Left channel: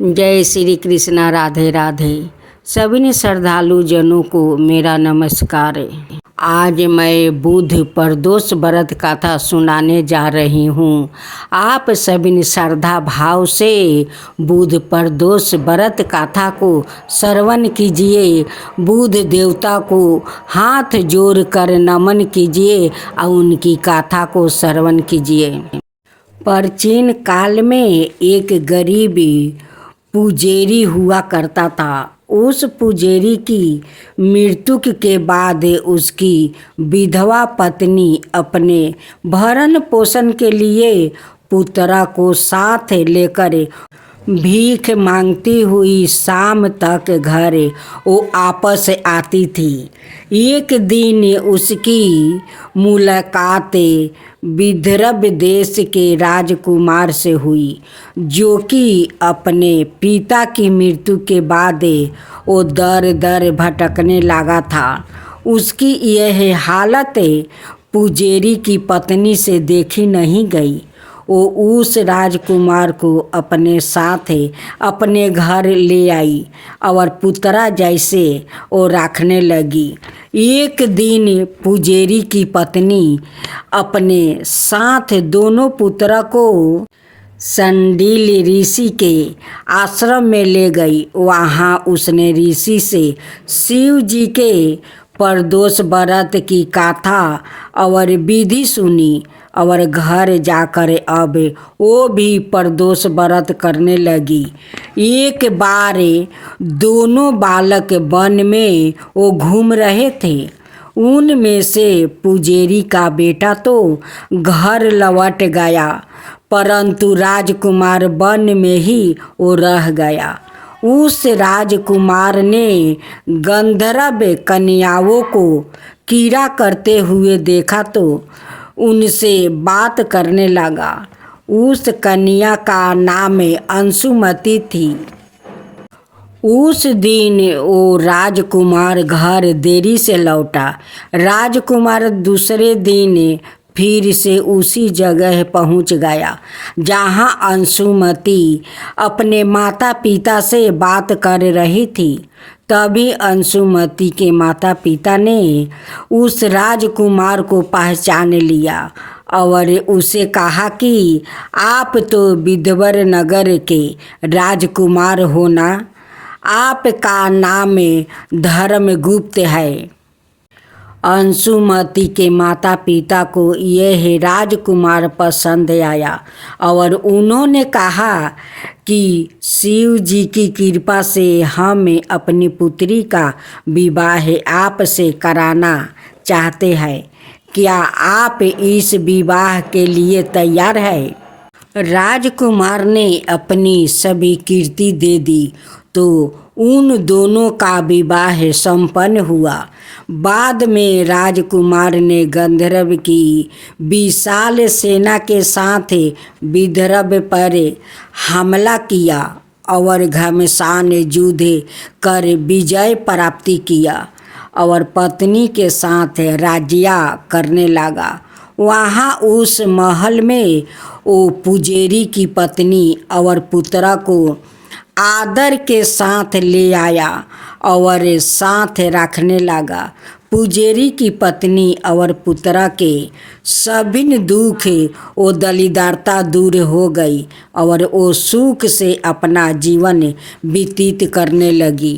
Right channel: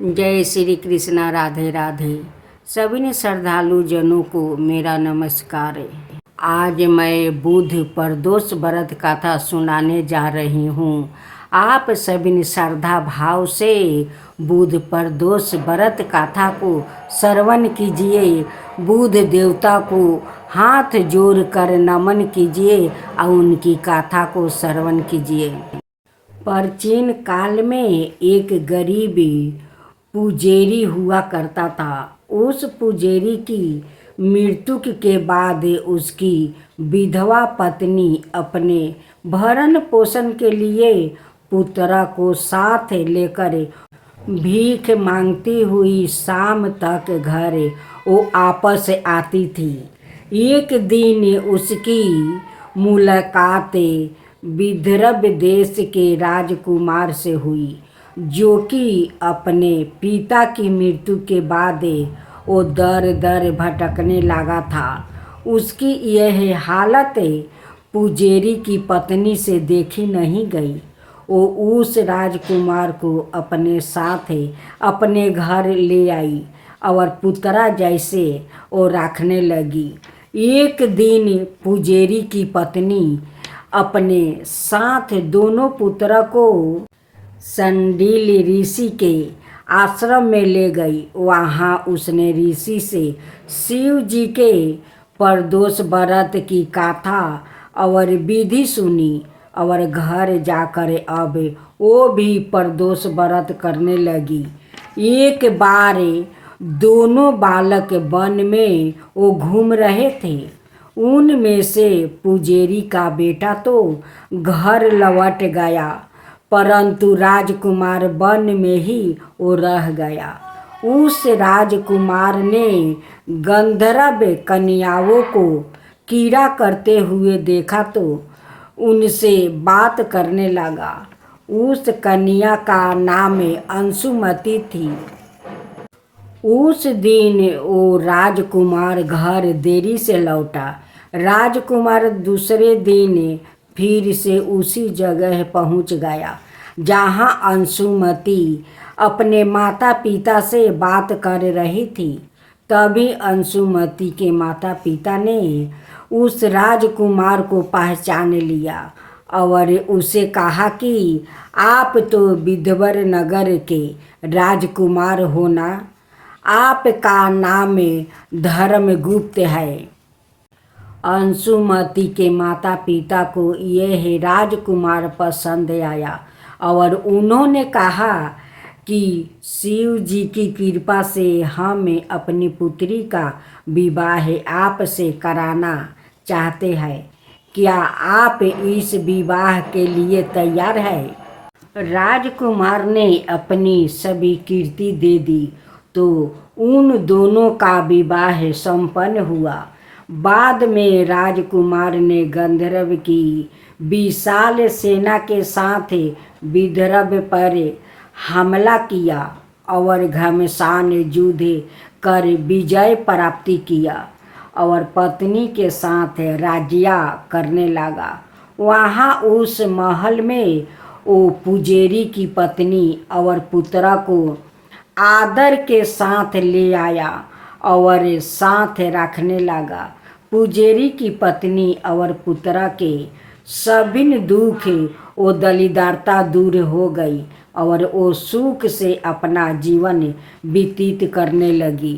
जय श्री कृष्णा। राधे राधे। सभी श्रद्धालु जनों को मेरा नमस्कार। आज मैं बुध प्रदोष व्रत कथा सुनाने जा रही हूँ। आप सभी श्रद्धा भाव से बुध प्रदोष व्रत कथा को श्रवण कीजिए। बुध देवता को हाथ जोड़कर नमन कीजिए और उनकी कथा को श्रवण कीजिए। प्राचीन काल में एक गरीब पुजारी हुआ करता था। उस पुजारी की मृत्यु के बाद उसकी विधवा पत्नी अपने भरण पोषण के लिए पुत्र को साथ लेकर भीख मांगती हुई शाम तक घर वो आपस आती थी। एक दिन उसकी मुलाकात विदर्भ देश के राजकुमार से हुई, जो कि अपने पिता की मृत्यु के बाद वो दर दर भटकने लगा था। उसकी यह हालत पुजारी की पत्नी से देखी नहीं गई। वो उस राजकुमार को अपने साथ अपने घर ले आई और पुत्रा जैसे वो रखने लगी। एक दिन पुजारी की पत्नी अपने साथ दोनों पुत्र को संडील ऋषि के आश्रम में ले गई। वहाँ उसने ऋषि से शिव जी के प्रदोष व्रत की कथा और विधि सुनी और घर जाकर अब वो भी प्रदोष व्रत करने लगी। एक बार दोनों बालक वन में वो घूम रहे थे। उनमें से पुजारी का बेटा तो घर लौट गया, परंतु राजकुमार वन में ही वो रह गया। उस राजकुमार ने गंधर्व कन्याओं को कीड़ा करते हुए देखा तो उनसे बात करने लगा। उस कन्या का नाम अंशुमती थी। उस दिन वो राजकुमार घर देरी से लौटा। राजकुमार दूसरे दिन फिर से उसी जगह पहुंच गया जहां अंशुमती अपने माता पिता से बात कर रही थी। तभी अंशुमती के माता पिता ने उस राजकुमार को पहचान लिया और उसे कहा कि आप तो विदर्भ नगर के राजकुमार हो ना? आपका नाम धर्मगुप्त है। अंशुमती के माता पिता को यह राजकुमार पसंद आया और उन्होंने कहा कि शिव जी की कृपा से हम अपनी पुत्री का विवाह आपसे कराना चाहते हैं। क्या आप इस विवाह के लिए तैयार हैं? राजकुमार ने अपनी सभी कीर्ति दे दी तो उन दोनों का विवाह संपन्न हुआ। बाद में राजकुमार ने गंधर्व की विशाल सेना के साथ विदर्भ पर हमला किया और घमासान युद्ध कर विजय प्राप्ति किया और पत्नी के साथ राज्य करने लगा। वहाँ उस महल में वो पुजारी की पत्नी और पुत्र को आदर के साथ ले आया और साथ रखने लगा। पुजारी की पत्नी और पुत्र के सभी दुख वो दलिद्रता दूर हो गई और वो सुख से अपना जीवन व्यतीत करने लगी।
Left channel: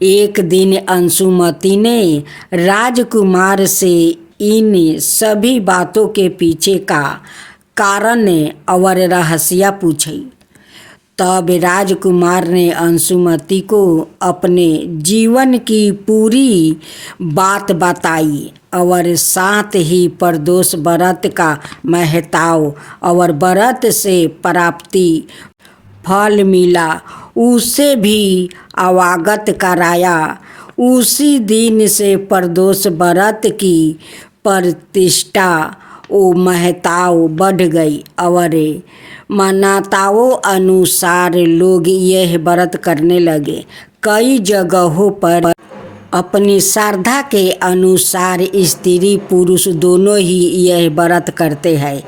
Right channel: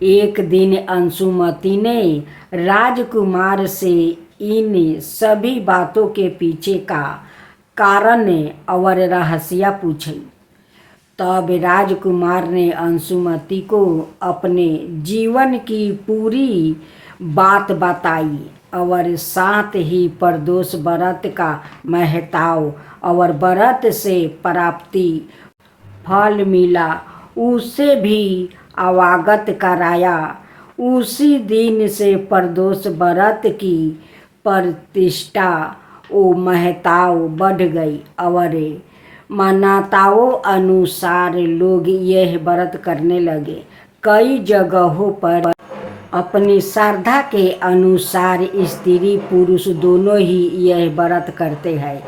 एक दिन अंशुमती ने राजकुमार से इन सभी बातों के पीछे का कारण और रहस्य पूछी। तब राजकुमार ने अंशुमती को अपने जीवन की पूरी बात बताई और साथ ही प्रदोष व्रत का महत्व और व्रत से प्राप्ति फल मिला उसे भी अवगत कराया। उसी दिन से प्रदोष व्रत की प्रतिष्ठा वो महत्व बढ़ गई और मान्यताओं अनुसार लोग यह व्रत करने लगे। कई जगहों पर अपनी श्रद्धा के अनुसार स्त्री पुरुष दोनों ही यह व्रत करते हैं।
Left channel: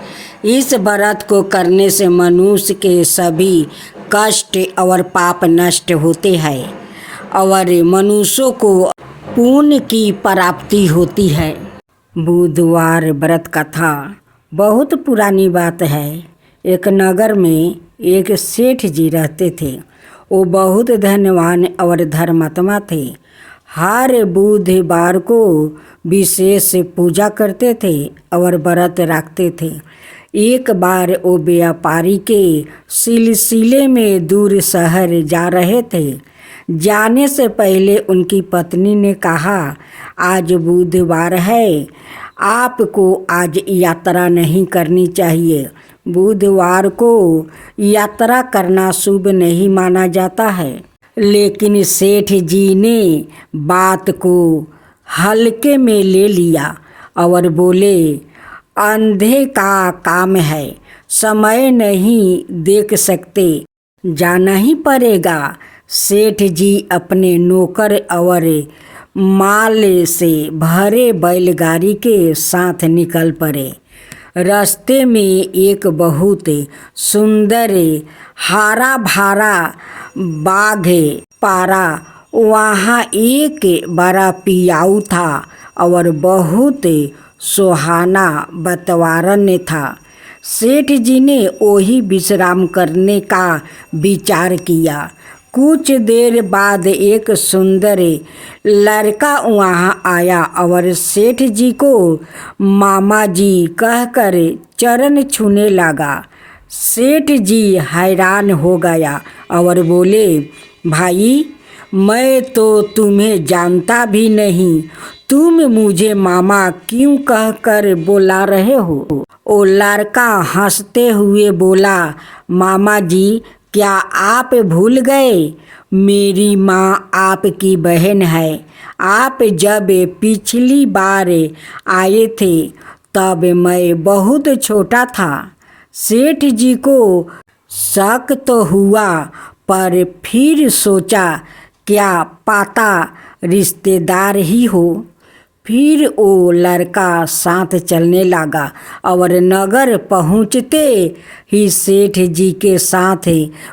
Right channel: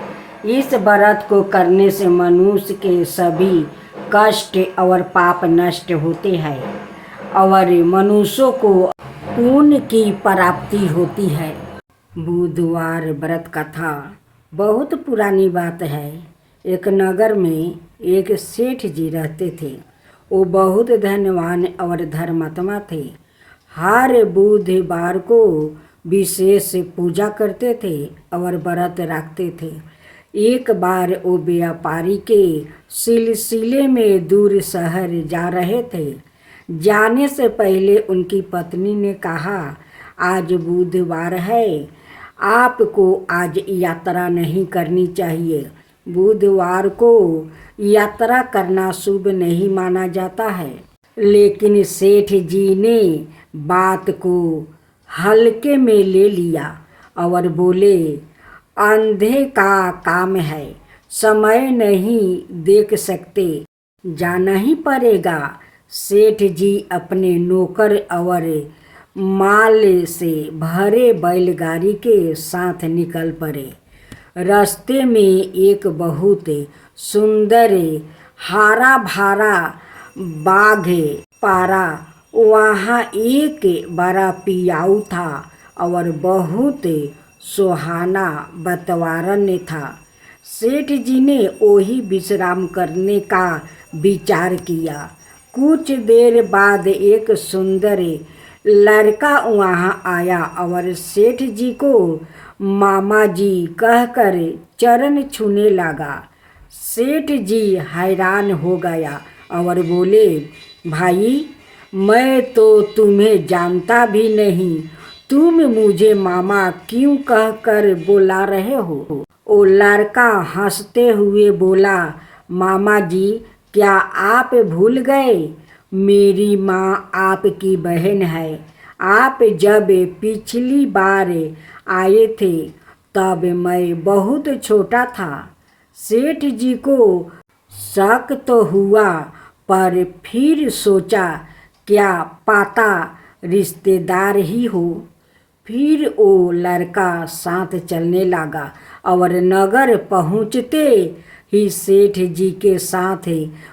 इस व्रत को करने से मनुष्य के सभी कष्ट और पाप नष्ट होते हैं और मनुष्यों को पुण्य की प्राप्ति होती है। बुधवार व्रत कथा बहुत पुरानी बात है। एक नगर में एक सेठ जी रहते थे। वो बहुत धनवान और धर्मात्मा थे। हर बुधवार को विशेष पूजा करते थे और व्रत रखते थे। एक बार वो व्यापारी के सिलसिले में दूर शहर जा रहे थे। जाने से पहले उनकी पत्नी ने कहा, आज बुधवार है, आपको आज यात्रा नहीं करनी चाहिए। बुधवार को यात्रा करना शुभ नहीं माना जाता है। लेकिन सेठ जी ने बात को हल्के में ले लिया और बोले, अंधे का काम है, समय नहीं देख सकते, जाना ही पड़ेगा। सेठ जी अपने नौकर और माल से भरे बैलगाड़ी के साथ निकल पड़े। रास्ते में एक बहुत सुंदर हरा भरा बाग पारा। वहाँ एक बड़ा पियाऊ था और बहुत सुहाना वातावरण था। सेठ जी ने वही विश्राम करने का विचार किया। कुछ देर बाद एक सुंदर लड़का वहाँ आया और सेठ जी को मामा जी कहकर चरण छूने लगा। सेठ जी हैरान हो गया और बोले, भाई, मैं तो तुम्हें जानता भी नहीं, तुम मुझे मामा क्यों कहकर बुला रहे हो? वो लड़का हंसते हुए बोला, मामा जी, क्या आप भूल गए? मेरी माँ आपकी बहन है। आप जब पिछली बार आए थे तब मैं बहुत छोटा था। सेठ जी को शक तो हुआ, पर फिर सोचा क्या पता रिश्तेदार ही हो। फिर वो लड़का साथ चलने लगा और नगर पहुँचते ही सेठ जी के साथ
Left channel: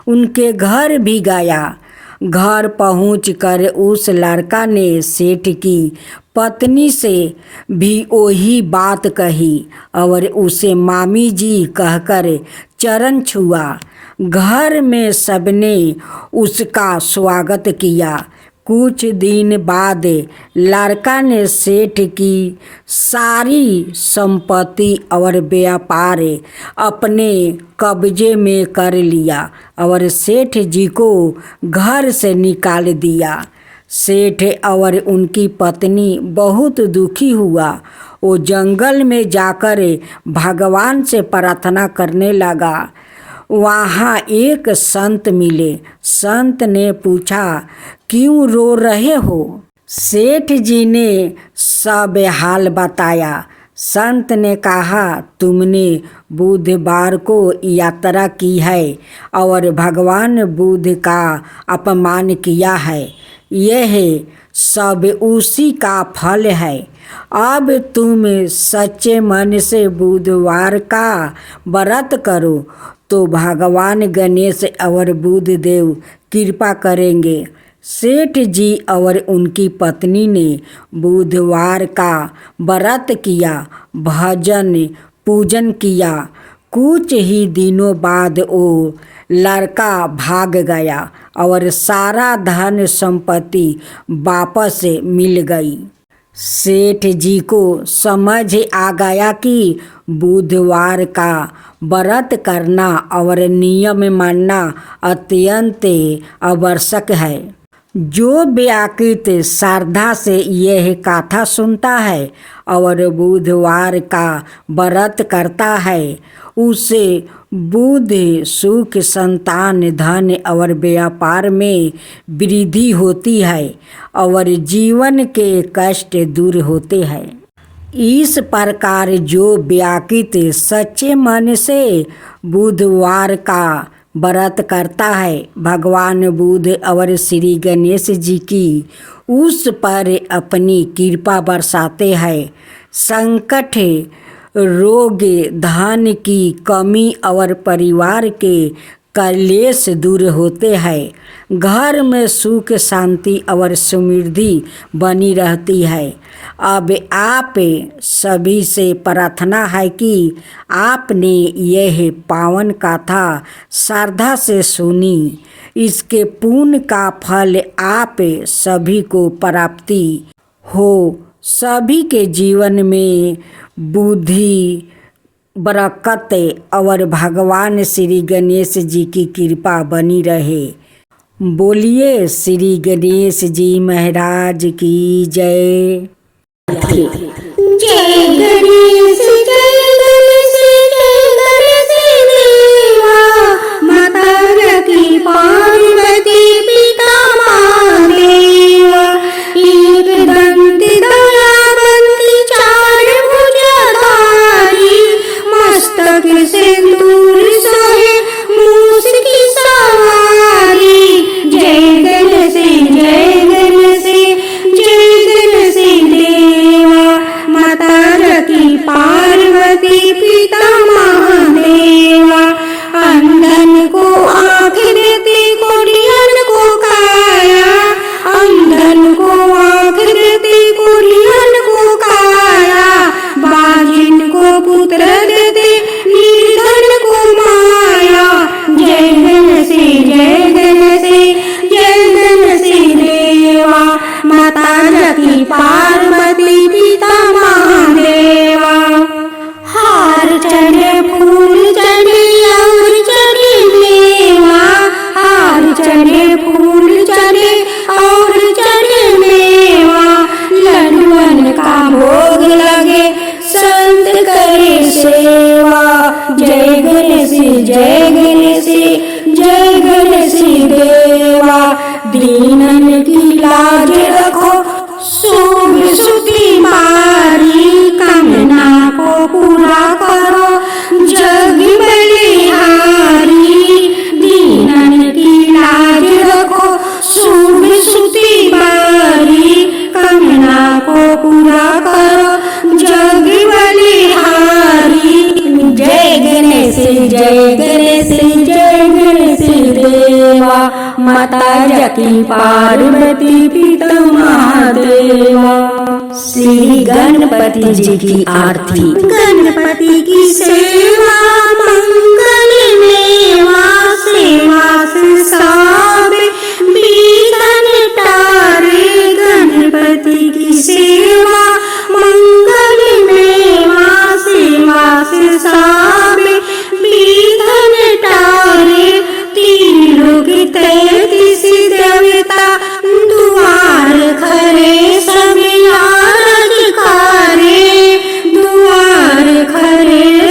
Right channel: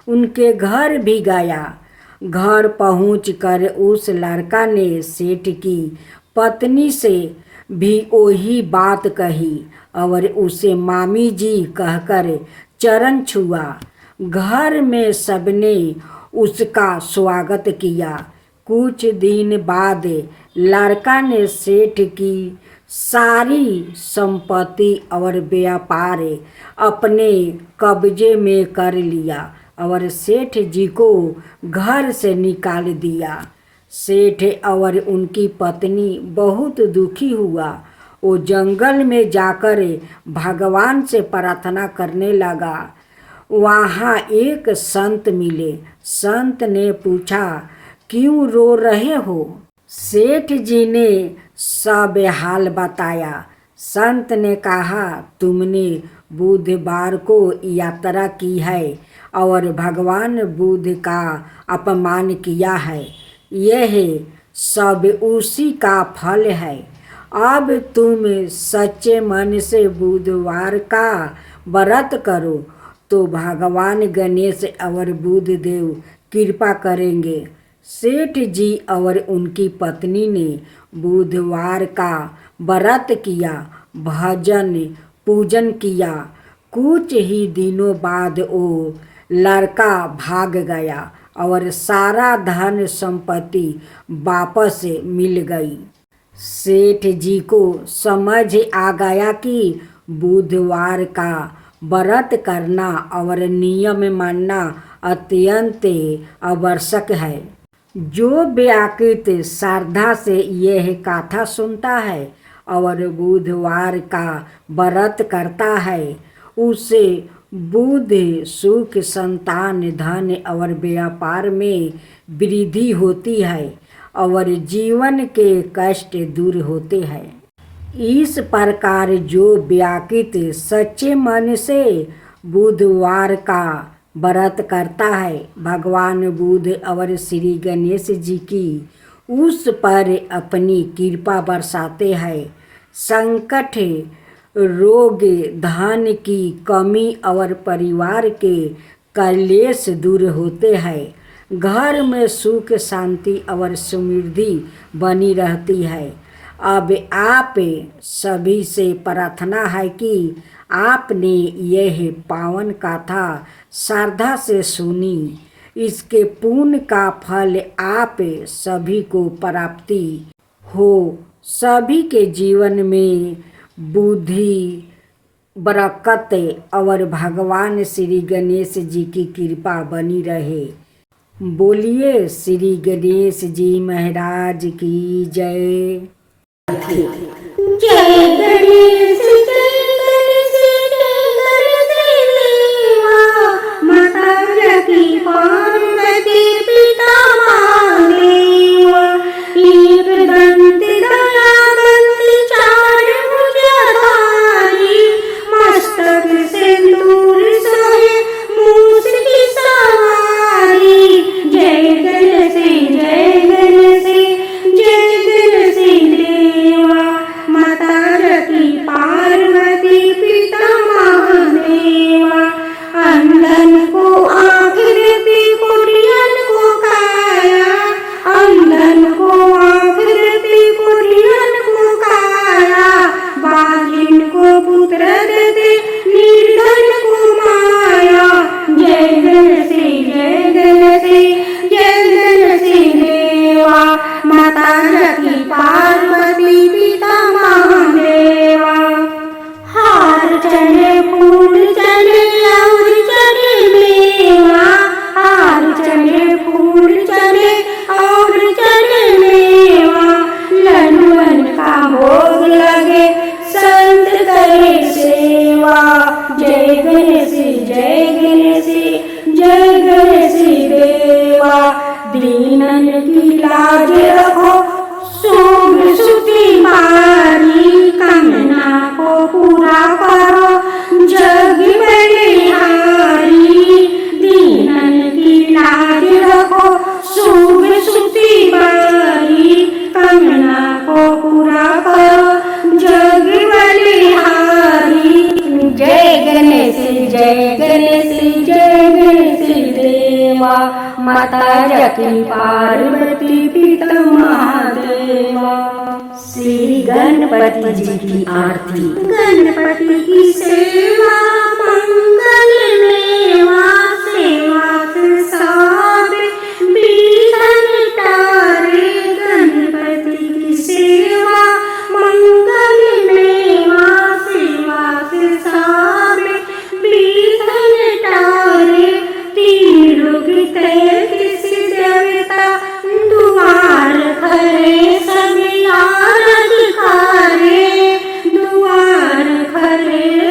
उनके घर भी गया। घर पहुंचकर उस लड़का ने सेठ की पत्नी से भी वही बात कही और उसे मामी जी कहकर चरण छुआ। घर में सबने उसका स्वागत किया। कुछ दिन बाद लड़का ने सेठ की सारी संपत्ति और व्यापार अपने कब्जे में कर लिया और सेठ जी को घर से निकाल दिया। सेठ और उनकी पत्नी बहुत दुखी हुआ। वो जंगल में जाकर भगवान से प्रार्थना करने लगा। वहाँ एक संत मिले। संत ने पूछा, क्यों रो रहे हो? सेठ जी ने सब हाल बताया। संत ने कहा, तुमने बुधवार को यात्रा की है और भगवान बुध का अपमान किया है। यह सब उसी का फल है। अब तुम सच्चे मन से बुधवार का व्रत करो तो भगवान गणेश और बुध देव कृपा करेंगे। सेठ जी और उनकी पत्नी ने बुधवार का व्रत किया, भजन पूजन किया। कुछ ही दिनों बाद वो लड़का भाग गया और सारा धन संपत्ति वापस मिल गई। सेठ जी को समझ आ गया कि बुधवार का व्रत करना और नियम मानना अत्यंत आवश्यक है। जो व्यक्ति श्रद्धा से यह कथा सुनता है और बुधवार का व्रत करता है, उसे बुध, सुख, संतान, धन और व्यापार में वृद्धि होती है और जीवन के कष्ट दूर होते हैं। इस प्रकार जो व्यक्ति सच्चे मन से बुधवार का व्रत करता है, भगवान बुध और श्री गणेश जी की उस पर अपनी कृपा बरसाते हैं। संकट रोग, धन की कमी और परिवार के कलेश दूर होते हैं। घर में सुख, शांति और समृद्धि बनी रहती है। अब आप सभी से प्रार्थना है कि आपने यह पावन कथा श्रद्धा से सुनी। इसके पुण्य का फल आप सभी को प्राप्ति हो। सभी के जीवन में बुद्धि, बरकत और भगवान श्री गणेश जी की कृपा बनी रहे। बोलिए श्री गणेश जी महाराज की जय। जय गणेश देवा, माता रखी पार्वती पिता महादेवा। एक दंत दयावंत चार भुजधारी, मस्तक सिंदूर सोहे मूस की सवारी। जय गणेश जय गणेश जय गणेश देवा, माता रखी पार्वती पिता महादेवा। अंधन को आँख देते, कोढ़ियन को काया, अंधन को आँख देते, कोढ़ियन को काया। बाजिन को पुत्र देते, निर्धन को माया। जय गणेश जय गणेश जय गणेश देवा, माता रखी पार्वती पिता महादेवा। हार चढ़े फूल चढ़े और चढ़े मेवा, हार चढ़े फूल चढ़े और चढ़े मेवा। लड्डुअन का भोग लगे, संत करे सेवा। जय गणेश जय गणेश जय गणेश देवा, दीनन की लाज रखो, शुभ सुखी मारी। कामना को पूरा करो, जग बलिहारी। दीनन की लाज रखो, शुभ सुखी मारी। कामना को पूरा करो, जग बलिहारी। जय गणेश जय गणेश जय गणेश देवा, माता रखी पार्वती पिता महादेवा। श्री गणपति जी की आरती। गणपति की सेवा मंगल मेवा, सेवा से साबे विघ्न टारे। गणपति की सेवा मंगल मेवा, सेवा से साबे विघ्न टारे। तीन लोग तैतीस देवता, दुआर खरे सभी आरज करे। दुआर खरे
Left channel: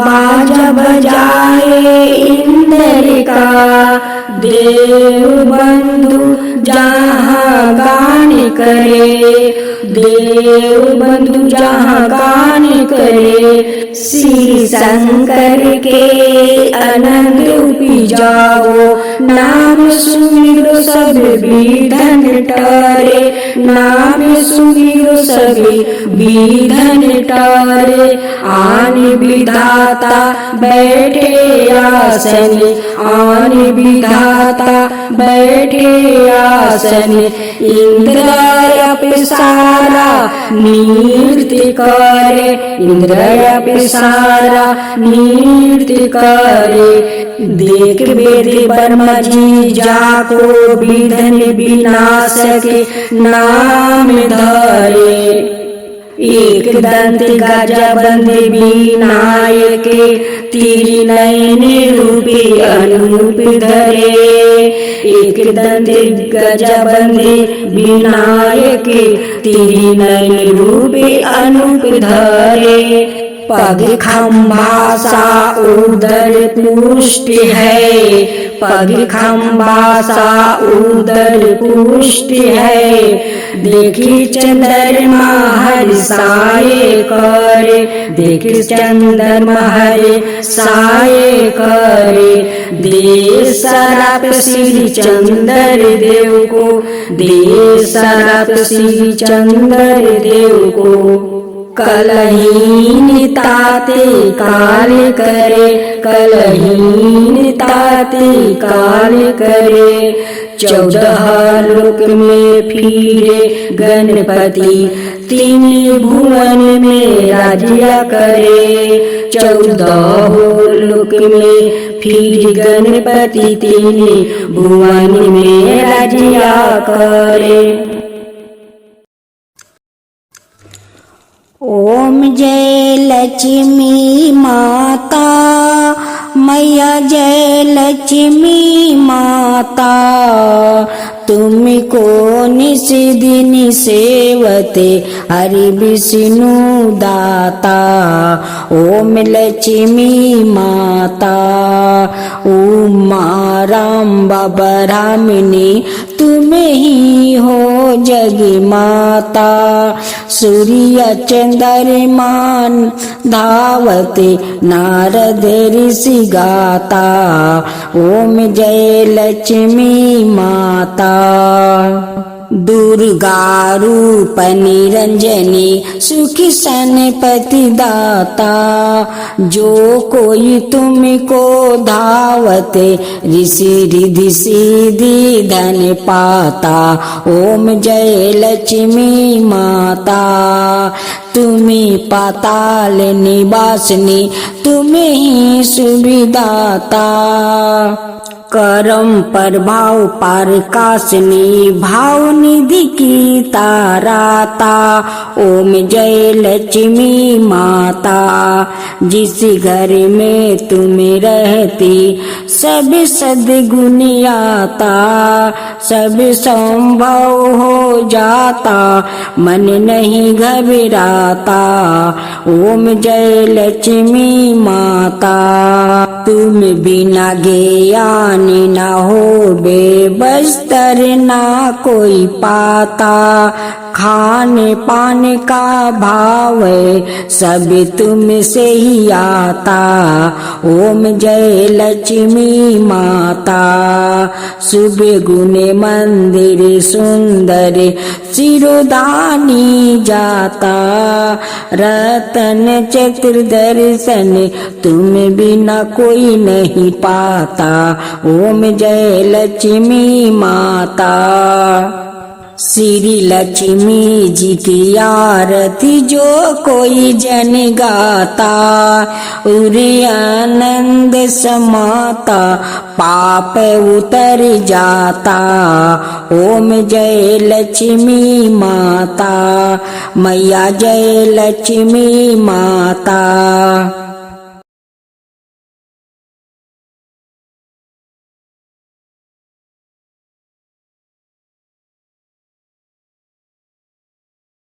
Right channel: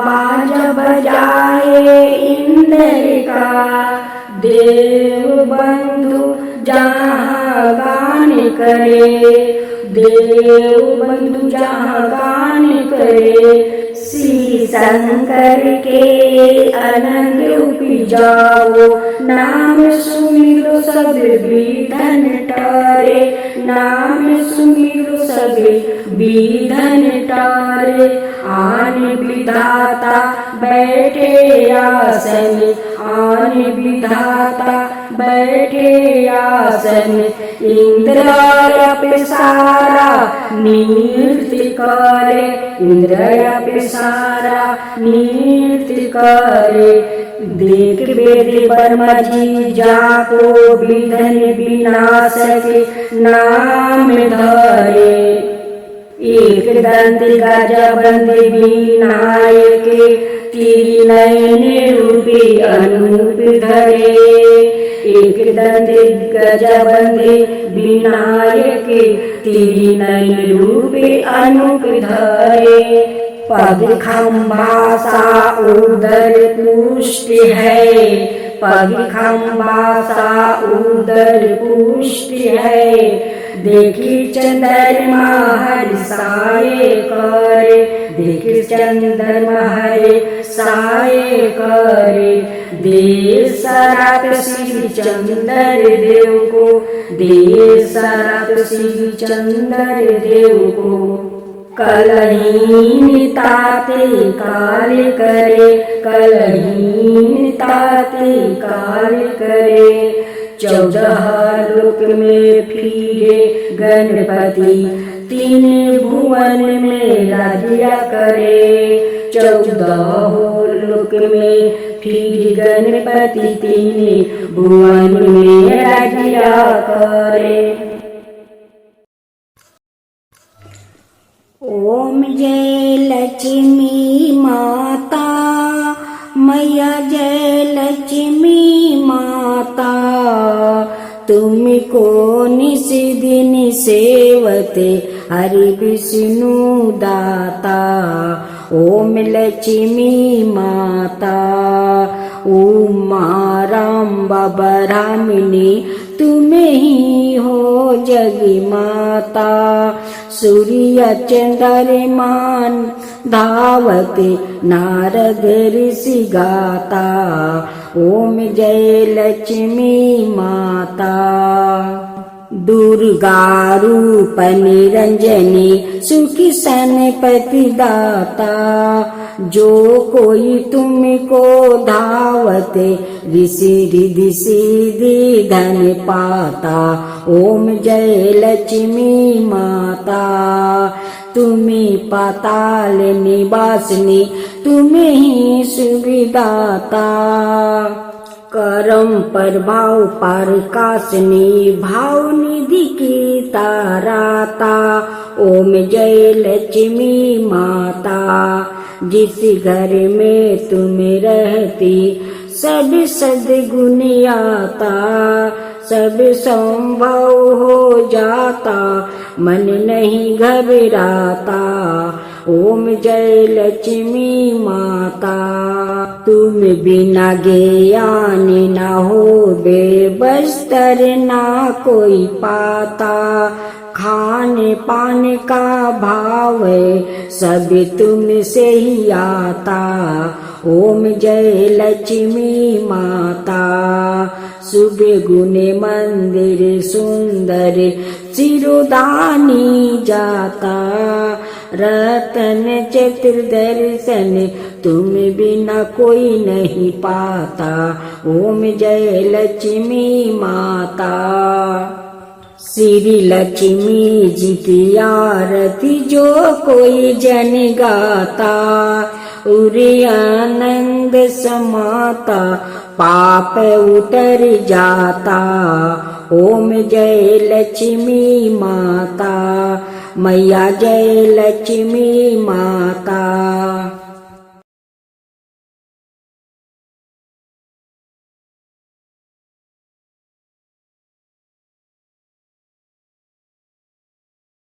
बाजा बजाए इंद्र का, देव बंधु जहाँ गान करे, देव बंधु जहाँ गान करे। श्री शंकर के आनंद उपजाओ, नाम सुमिरो सब विघ्न टरे, नाम सुमिरो सब विघ्न टरे। आन विधाता बैठे आसन, आन विधाता बैठे आसन। इंद्राय सारा नृत्य करे, इंद्राय सारा नृत्य करे। देख वेद ब्रह्मा जी जाको विघ्न विनाश के नाम धरे। एक दंत गजबंद विनायक, तीर नयन रूपी अनूप धरे। एक दंत गजबंद विनायक, तीर नयन रूपी अनूप धरे। पग खम्भा सा उदर पुष्ट है, पग खम्भा सा उदर पुष्ट है। देखी चंद्रमा हर्षाए करे, देखी चंद्रमा हर्षाए करे। दे सराप श्री चंद्र देव को, दे सराप श्री चंद्र देव को। कलहीन ताते काल करे, कलहीन ताते काल करे। 14 लोक में फिरे गणपति, 3 भुवन में राज्य करे। 14 लोक में फिर गणपति, 3 भुवन में राज्य करे। ओम जय लक्ष्मी माता, मैया जय लक्ष्मी माता। तुमको निस दिन सेवते हरि विष्णु दाता। ओम लक्ष्मी माता, उमा राम ब्रह्मणी तुम ही हो जग माता। सूर्य चंद्रमान धावते नारद ऋषि गाता। ओम जय लक्ष्मी माता। दुर्गा रूप निरंजनी सुखी सनपति दाता। जो कोई तुमको धावते ऋषि रिधि सिद्धि धन पाता। ओम जय लक्ष्मी माता। तुम्हें पाताल निवासनी तुम्हें ही सुविदाता। करम प्रभाव प्रकाशनी भाव निधि की ताराता। ओम जय लक्ष्मी माता। जिस घर में तुम रहती सब सद्गुण आता। सब संभव हो जाता मन नहीं घबराता। ओम जय लक्ष्मी माता। तुम बिना ज्ञान ना हो बेबस्तर ना कोई पाता। खाने पाने का भाव सब तुम से ही आता। ओम जय लक्ष्मी माता। सुबह गुने मंदिर सुंदर सिरोधानी जाता। रतन चतुर्दर्शन तुम बिना कोई नहीं पाता। ओम जय लक्ष्मी माता। श्री लक्ष्मी जी की आरती जो कोई जन गाता। उरे आनंद समाता पाप उतर जाता। ओम जय लक्ष्मी माता। मैया जय लक्ष्मी माता।